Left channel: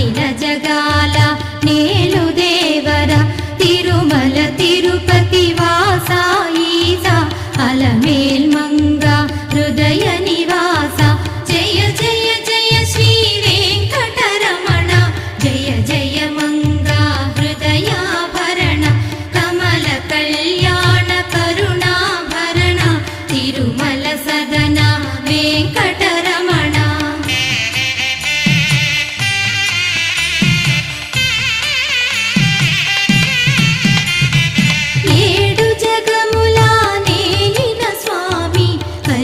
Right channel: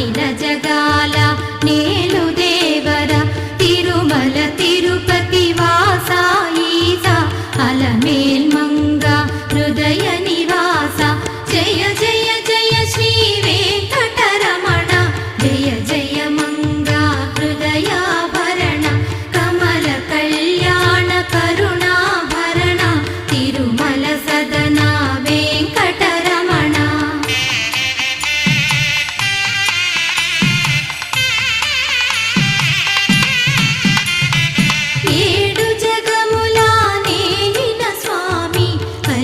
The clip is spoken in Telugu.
అఖిల జగాల నేలు దేవర తిరుమల తిరుపతి వాసా ఈసా అలమేల్ మంగ